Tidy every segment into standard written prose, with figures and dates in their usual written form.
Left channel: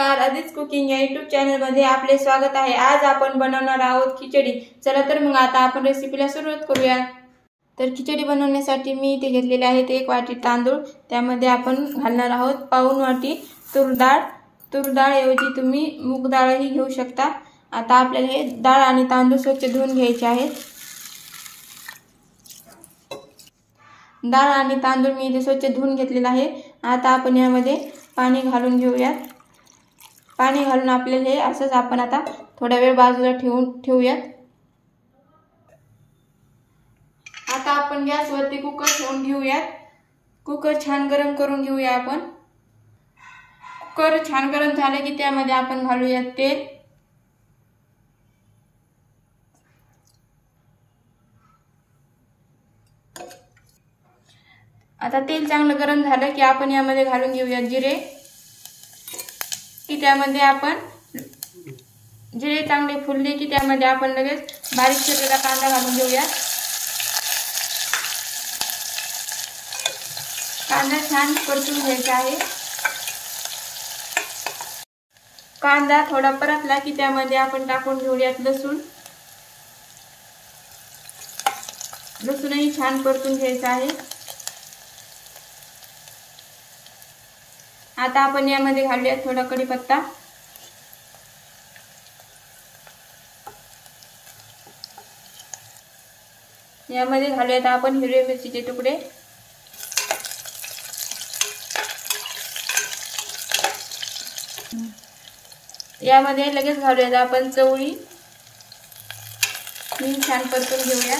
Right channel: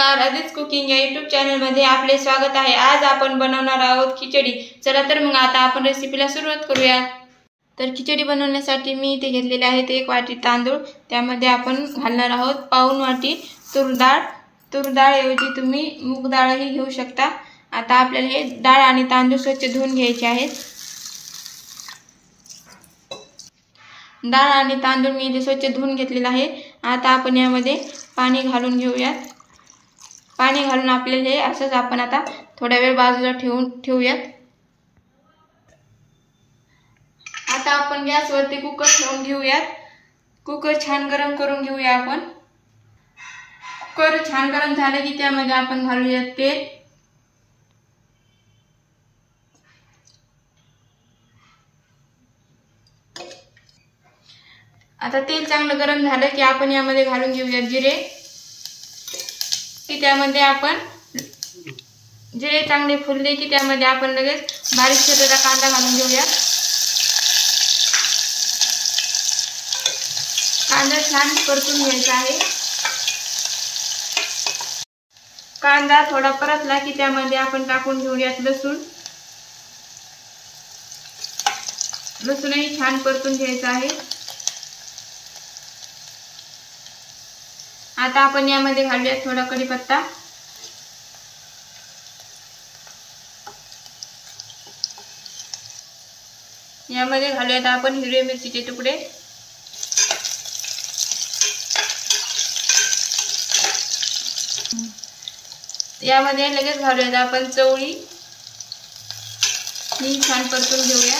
नमस्कार, आदित्य कुकिंग या यूट्यूब चॅनलमध्ये आपले स्वागत आहे। आज आपण बनवणार आहोत खिचडी। चला तर मग आता आपण रेसिपीला सुरुवात करूया। तर खिचडी बनवण्यासाठी मी इथे घेतलेले आहेत 1 वाटी तांदूळ। त्यामध्ये आपण घालणार आहोत पाऊण वाटी तूर डाळ। तूर डाळ ऐवजी तुम्ही मूग डाळही घेऊ शकता। आता आपल्याला हे डाळ आणि तांदूळ स्वच्छ धुवून घ्यायचे आहेत। डाळ आणि तांदूळ मी इथे स्वच्छ धुवून घेतलेला आहे। आता आपण यामध्ये पाणी घालून घेऊया। पाणी घालून आपल्याला हे असंच आपण आता थोडा वेळ बाजूला ठेवूया। आता आपण गॅसवरती कुकर ठेवून घेऊया। कुकर छान गरम करून घेऊया आपण। कुकर छान गरम झाले की त्यामध्ये आपण घालूया तेल। आता तेल चांगलं गरम झालं की आपण यामध्ये घालून घेऊया जिरे। की त्यामध्ये आपण जिरे चांगले फुलले की त्यामध्ये आपण लगेच बारीक चिरलेला कांदा घालून घेऊया। कांदा छान परतून घ्यायचा आहे। कांदा थोडा परतला की त्यामध्ये आपण टाकून घेऊया लसूण। लसूणही छान परतून घ्यायचा आहे। आता आपण यामध्ये घालूया थोडा कढीपत्ता। यामध्ये घालूयात आपण हिरव्या मिरचीचे तुकडे। यामध्ये लगेच घालूयात आपण चवळी। ही छान परतून घेऊया।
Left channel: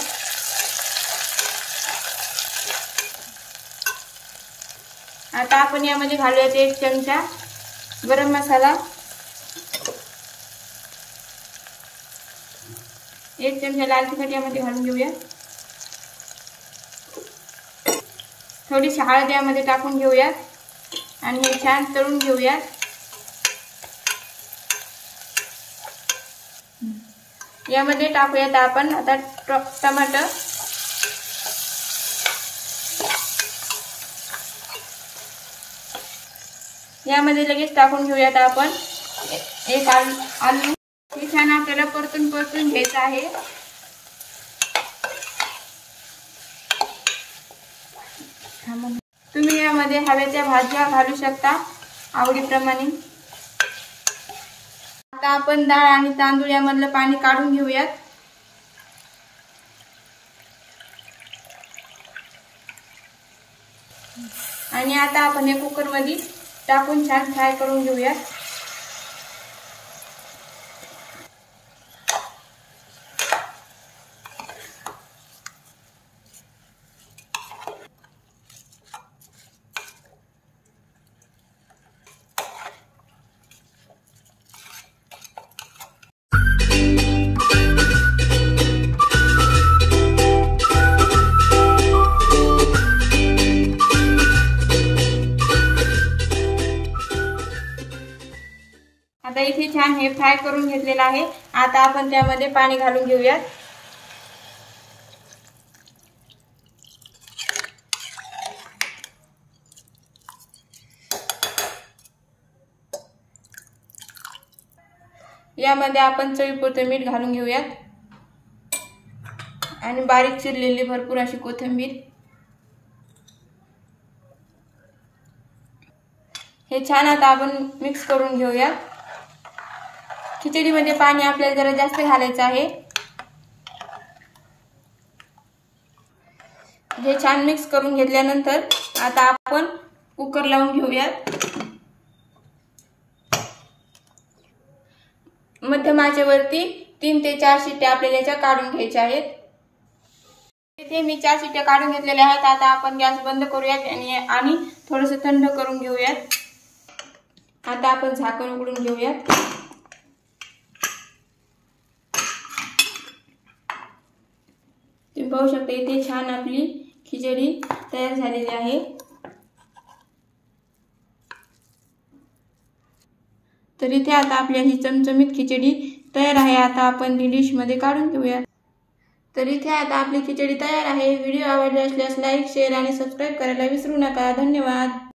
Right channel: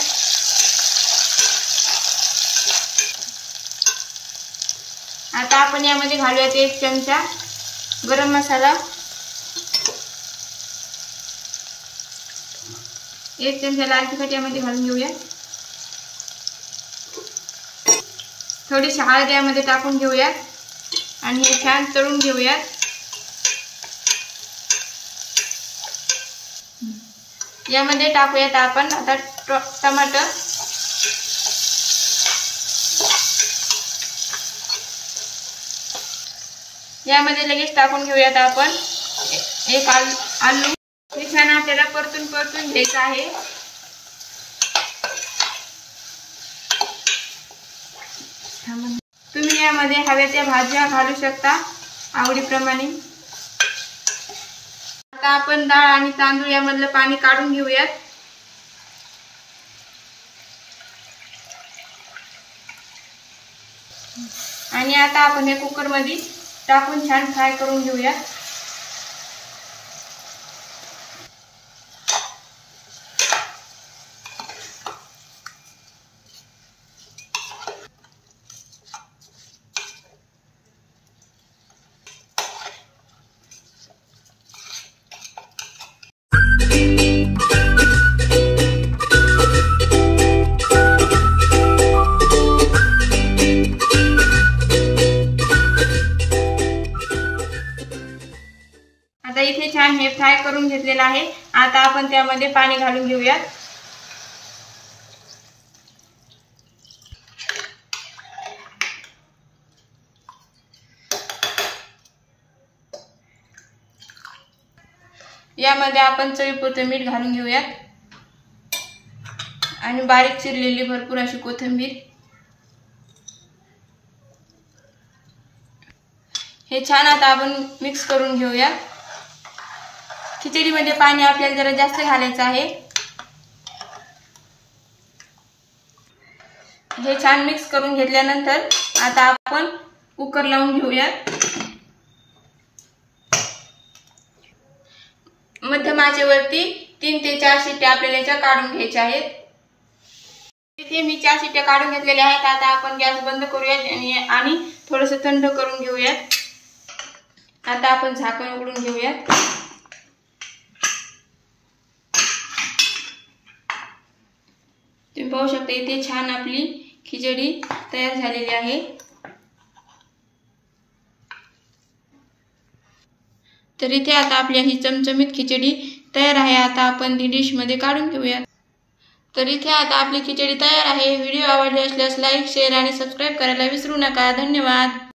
आता आपण यामध्ये घालूयात 1 चमचा गरम मसाला। 1 चमचा लाल तिखट यामध्ये घालून घेऊया। थोडीशी हळद यामध्ये टाकून घेऊया आणि हे छान तळून घेऊया। यामध्ये टाकूयात आपण आता टमाटर। यामध्ये लगेच टाकून घेऊयात आपण 1 आलू। हे छान आपल्याला परतून घ्यायचं आहे। तुम्ही यामध्ये हव्या त्या भाज्या घालू शकता आवडीप्रमाणे। आता आपण डाळ आणि तांदूळ यामधलं पाणी काढून घेऊयात। आणि आता आपण हे कुकर मध्ये टाकून छान फ्राय करून घेऊया। आता इथे छान हे फ्राय करून घेतलेलं आहे। आता आपण त्यामध्ये पाणी घालून घेऊया। यामध्ये आपण चवीपुरतं मीठ घालून घेऊया आणि बारीक चिरलेली भरपूर अशी कोथिंबीर। हे छान आता आपण मिक्स करून घेऊया। खिचडीमध्ये पाणी आपल्याला जरा जास्त घालायचं आहे। हे छान मिक्स करून घेतल्यानंतर आता आपण कुकर लावून घेऊया। मध्यम आचेवरती 3 ते 4 शिट्ट्या आपल्याला याच्या काढून घ्यायच्या आहेत। इथे मी 4 शिट्ट्या काढून घेतलेल्या आहेत। आता आपण गॅस बंद करूया आणि थोडंसं थंड करून घेऊया। आता आपण झाकण उघडून घेऊया। तुम्ही पाहू शकता इथे छान आपली खिचडी तयार झालेली आहे। तर इथे आता आपली ही चमचमीत खिचडी तयार आहे। आता आपण ती डिश मध्ये काढून घेऊया। तर इथे आता आपली खिचडी तयार आहे। व्हिडिओ आवडले असल्यास लाईक, शेअर आणि सबस्क्राइब करायला विसरू नका। धन्यवाद।